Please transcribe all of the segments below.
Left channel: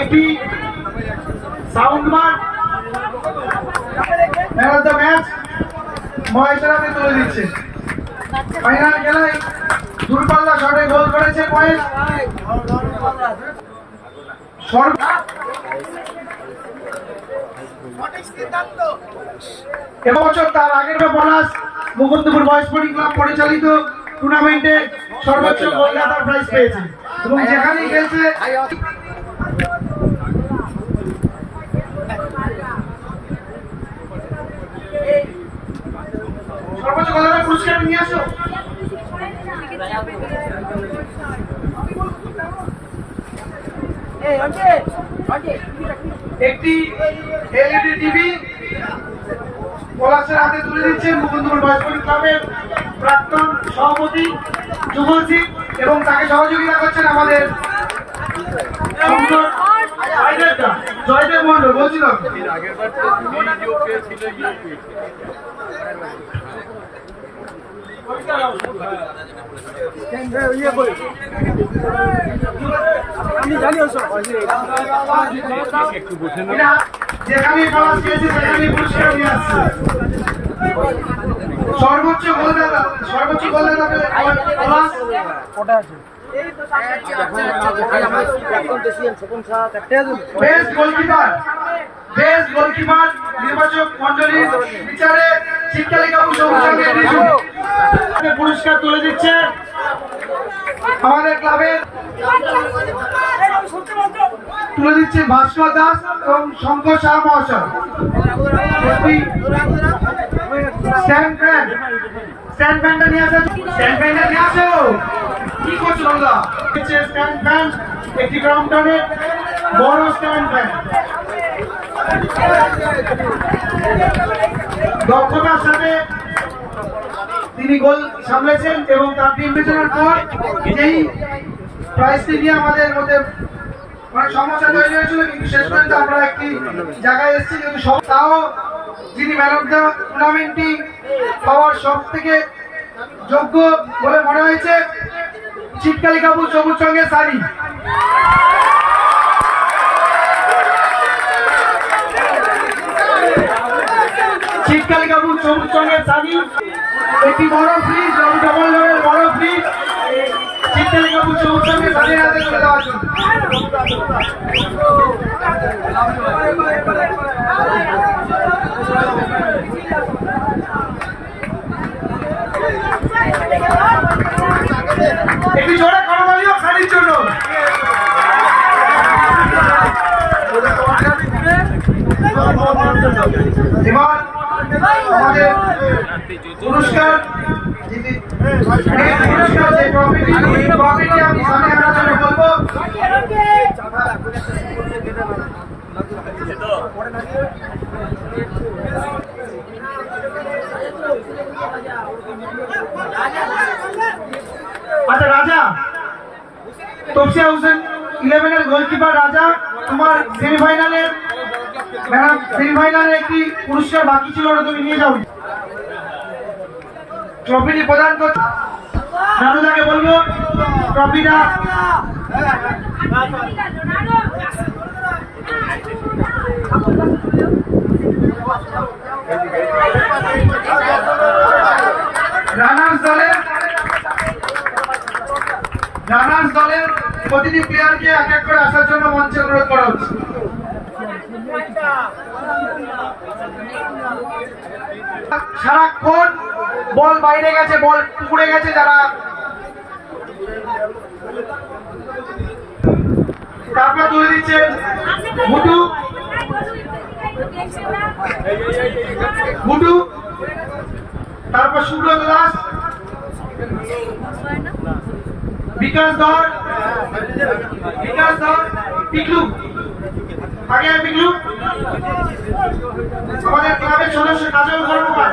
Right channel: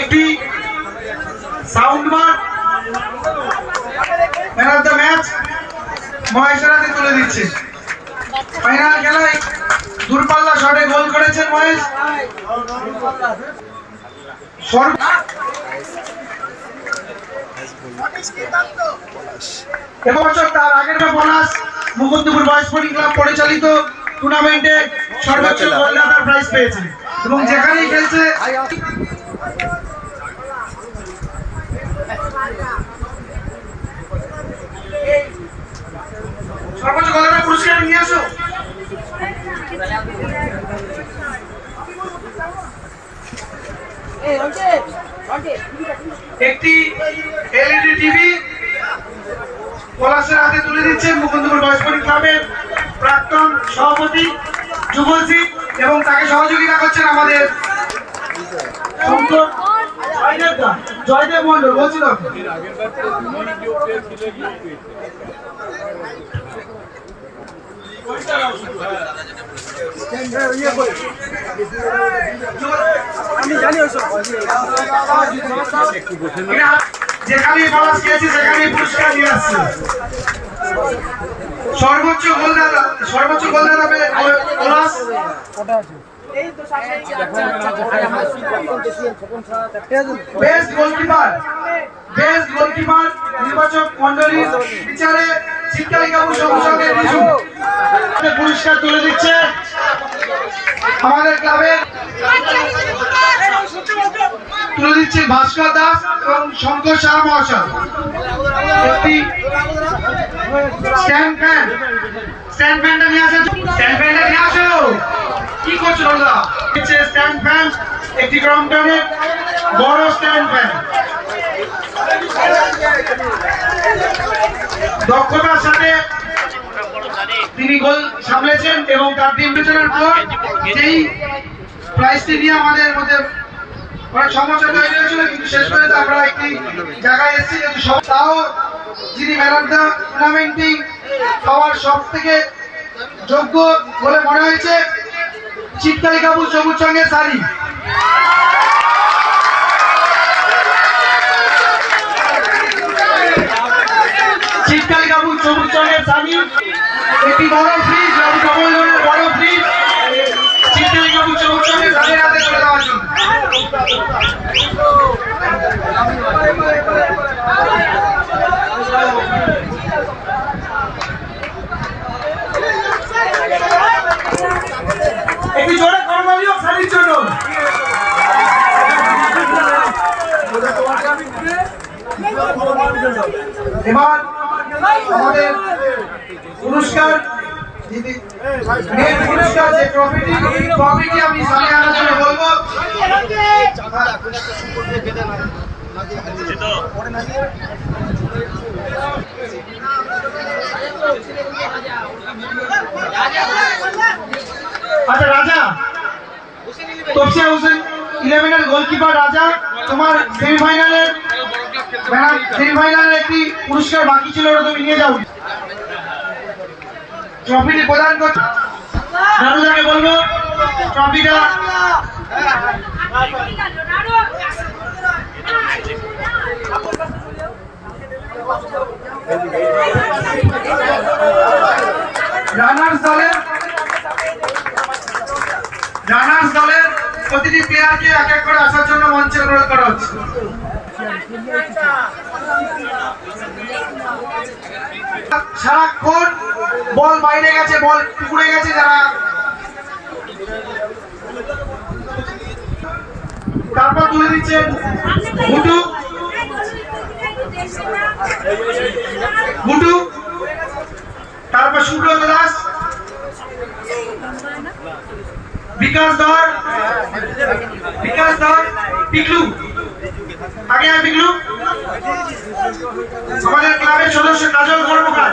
একটি sound bar man of the match মহেশের হাতে তুলে দিচ্ছে। ফাইনাল খেলায় দূরপাল্লা শটে গোল করেছে মহেশ। এবছর তার আগের পলাশ মুকুন্দপুর বয়স স্পোর্টিং ক্লাব পরিচালিত টুর্নামেন্টে সর্বোচ্চ গোলদাতার প্রাইজ পেয়েছে। এবং যেখানেই খেলছে সর্বোচ্চ গোলদাতার পুরস্কার নিয়ে আসো। একটি এলইডি টিভি পলাশের হাতে তুলে দিচ্ছেন মুকুন্দপুর বয়স্পতি ক্লাবের প্রাক্তন সভাপতি যুবশ্রী এবং তাকে সহযোগিতা করছেন আমাদের জয়দেবদা, জয়দেব মন্ডল বলছিলাম। এরা যেখানেই পলাশ খেয়েছে সেখানেই পুরস্কার নিয়ে আসছে। সর্বোচ্চ গোলদাতা সর্বোচ্চ গোলদাতা পলাশ। পুরস্কার তুলে দিচ্ছে আমাদের ক্লাবের তুলে দিচ্ছে ভাস্কর দাস এবং শঙ্কর শাহ মহাশয়। স্ট্যান্ড ফ্যান স্ট্যান্ড ফ্যানটা নিয়ে আসো স্ট্যান্ড ফ্যানটা নিয়ে আসো। কি করছ দাদা হচ্ছে স্ট্যান্ড ফ্যান একটি ক্রমটনের বড় স্ট্যান্ড ফ্যান দক্ষতার সাথে তিনি গোল সামলেছেন এবং তার টিম বিবেচনার পর যেই প্রাইজটি নিয়ে আমাদের মধ্যে অনেক সমস্যা তৈরি হয়েছিল, কিন্তু শেষ পর্যন্ত আমরা একটি জায়গায় এসেছি কিন্তু সব তাও যিনি ম্যান অফ দ্য টুর্নামেন্টটি পাওয়ার সব থেকে যোগ্য বলে মনে হয়েছে। চিৎকালি কাপুর সবুজ সঙ্গের শাড়ি। চিৎকালি কাপুর সবুজ সঙ্গের শাড়ি। একটি বড় ফ্রিজ এবং ডবল ডোরের বড় ফ্রিজ চিৎকালি কাপুর সবুজ সঙ্গের শাড়ির হাতে তুলে দেওয়ার জন্য একটি জোরে করমালি হোক শাড়ির জন্য এবার আমাদের পুরস্কার দিদি- মেন পুরস্কার যে ট্রফিটি ট্রফিটি আমি সামনে আনার জন্য বলব আচ্ছা রাজা। তপসিয়া হোসেন ইলেভেনের গোলকিপার রাজা। তোমার সেমিফাইনালের সেমিফাইনালের একটি পুরস্কার বাকি ছিল ওটা তুমি নিয়ে যাও। ট্রফিটি প্রদান করতে নানুদাকে বলব, ট্রফিটা। দলের রানার্স দলের প্রতিটি প্লেয়ারকে এক এক করে আসার জন্য মঞ্চে অনুরোধ করা হচ্ছে। সারাক্ষণ বল বাইরে গেছে, বল পুকুরে গেছে যারা। তারপর তুলে দিচ্ছেন ভুটু ভুটু তারপর সুব্রত দাস। বিকাশ ধর। বিকাশ ধর, পিকলু। আগে আয় পিকলু আমাদের ক্লাবের সদস্য কাজল কর্মকার।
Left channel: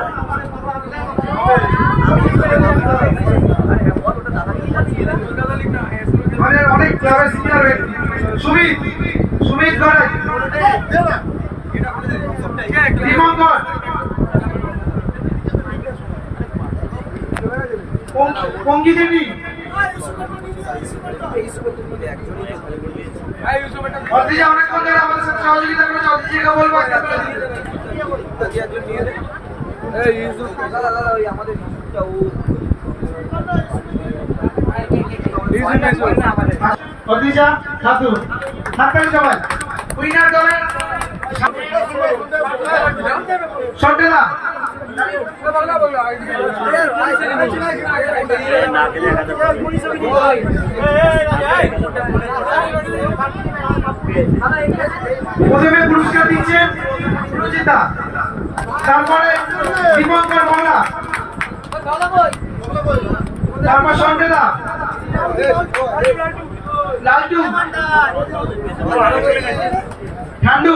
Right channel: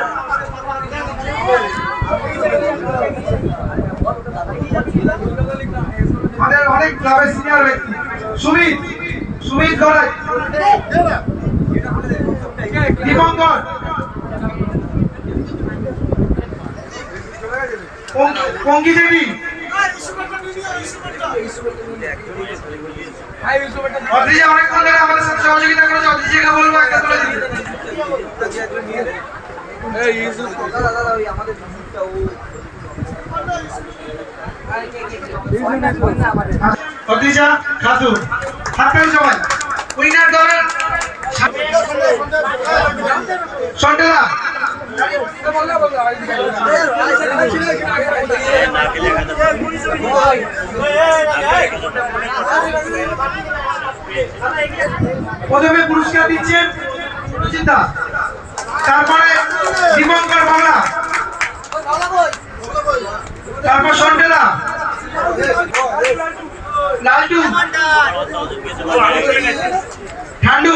আমাদের অনেক ক্লাবের সিনিয়র ব্যক্তি। সুমিত সুমিত গড়াই। দীপঙ্কর। পঙ্কি দেবী অনেকক্ষণ ধরে আমাদের সাথে সহযোগিতা করেছে অদ্রিজাকে বলব একটা তুলে দিন অদ্রিজা খাতুন হাততালি সবাই। উইনার দলের সন্টেলা প্রথমে পুরস্কার দিচ্ছেন দা তারপরে দীপঙ্কর বাংলা তারপর সন্টেলা লালটু ঠান্ডু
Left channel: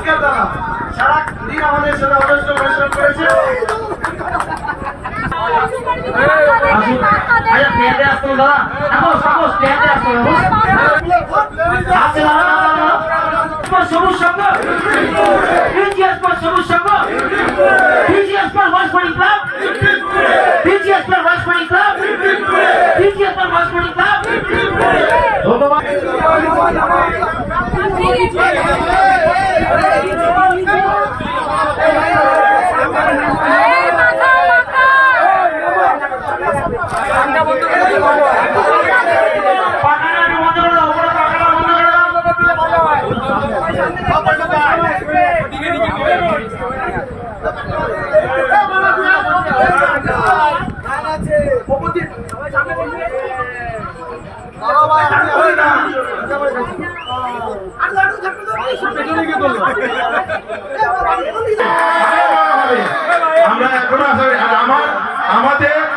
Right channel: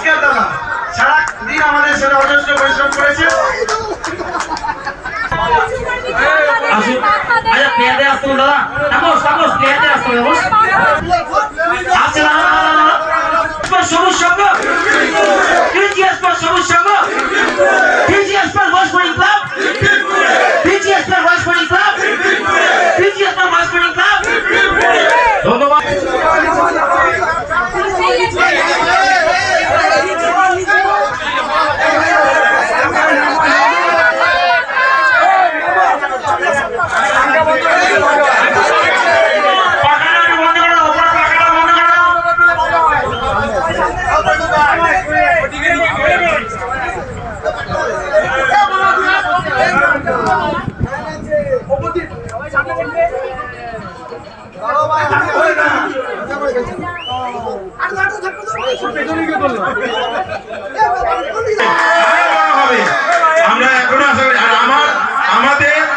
আজকাল দাদা, সারা দিন আমাদের সাথে অজস্র পরিশ্রম করেছে। সবুজ সঙ্গ সবুজ সঙ্গ ক্লাব ক্লাব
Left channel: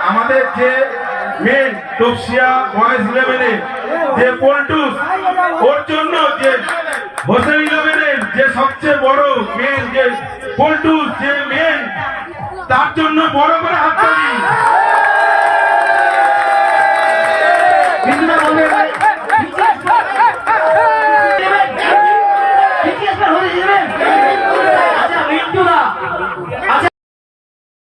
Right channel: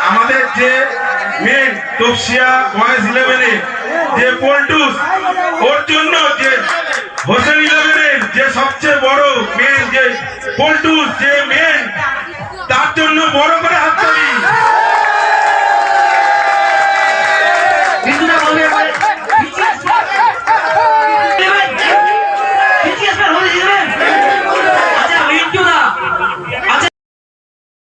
আমাদের যে মেন তপসিয়া বয়েজ ইলেভেনের যে পল্টুস, ওর জন্য যে হোসেন ইলেভেনের যে সবচেয়ে বড় মেন যে পল্টুস, যে মেন তার জন্য বড় করে হাত বলে